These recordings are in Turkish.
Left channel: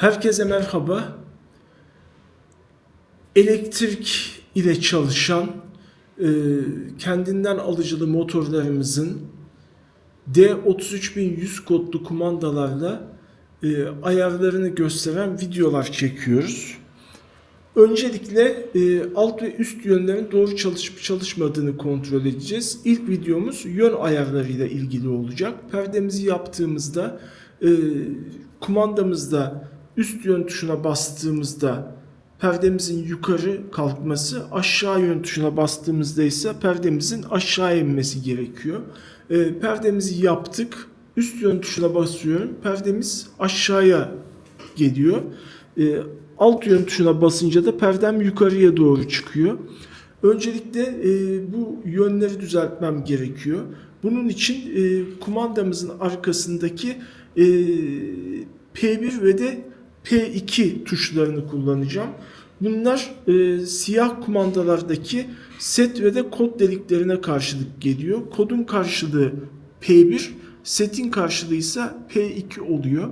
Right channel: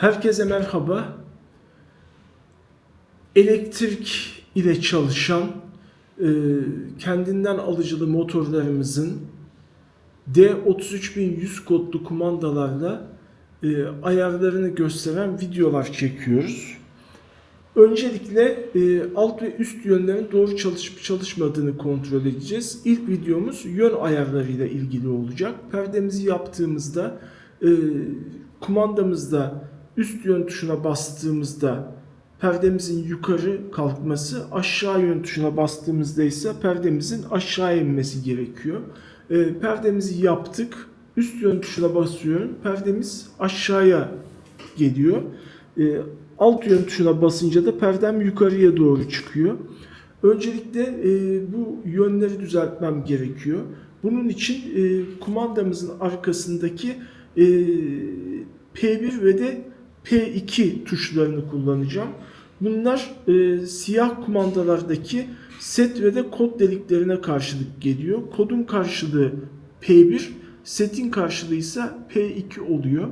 Herkese merhaba. Elektrik ile çalışan e, kendinden alıcılı motorlarımızın D33100 kodlu kumandalarla e, ayarlarını gösteren videolar çekiyoruz. Öncelikle e, alt ve üst yönlerin doğru çalışıp çalışmadığını kontrol edeceğiz. İlk videomuz yön ayarlarıyla ilgili olacak. Perdemizi yaptığımızda e, kumandamızda üst yön tuşuna bastığımızda perdemizin yukarı kalkması, aşağı yön tuşuna bastığımızda ise perdemizin aşağı inmesi gerekiyor. E, perdemizi yaptık. Üst yön tuşuna basıyorum. Perdemiz aşağıya geliyor. E, alt yön tuşuna basınca da perdem yukarıya doğru çıkıyor. Öncelikle e, bu yönleri düzeltmem gerekiyor. Bunun için e, kumandamızın arkasındaki e, P1 ve de P2 tuşlarını kullanacağım. Bunlar e, siyah kumandalardaki set ve de kod deliklerine karşılık geliyor. Kodun karşılığı P1, setin karşılığı ise P2 oluyor.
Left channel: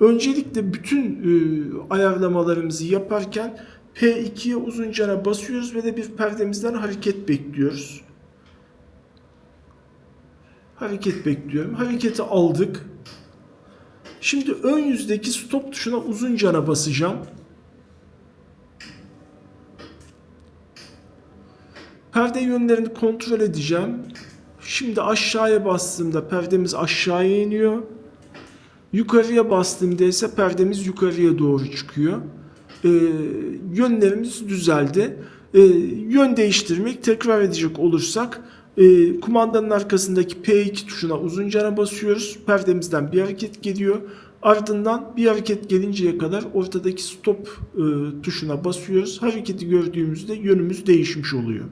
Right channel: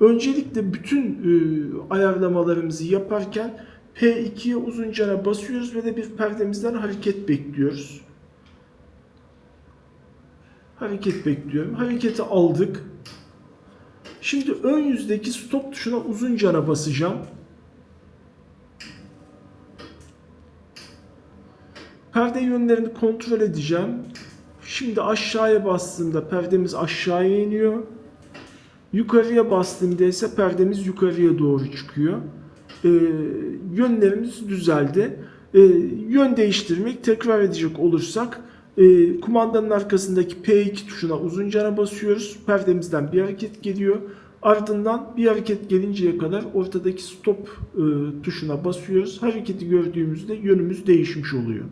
Öncelikle bütün e, ayarlamalarımızı yaparken P2'ye uzun cana basıyoruz ve de bir perdemizden hareket bekliyoruz. Hareket bekliyorum. Hareketi aldık. Şimdi ön yüzdeki stop tuşuna uzun cana basacağım. Perde yönlerini kontrol edeceğim. Şimdi aşağıya bastığımda perdemiz aşağıya iniyor. Yukarıya bastığımda ise perdemiz yukarıya doğru çıkıyor. Ee, yönlerimiz düzeldi. Ee, yön değiştirmek tekrar edecek olursak e, kumandanın arkasındaki P2 tuşuna uzun cana basıyoruz. Perdemizden bir hareket geliyor. Ardından bir hareket gelinceye kadar ortadaki stop e, tuşuna basıyoruz. Hareketi gördüğümüzde yönümüz değişmiş oluyor.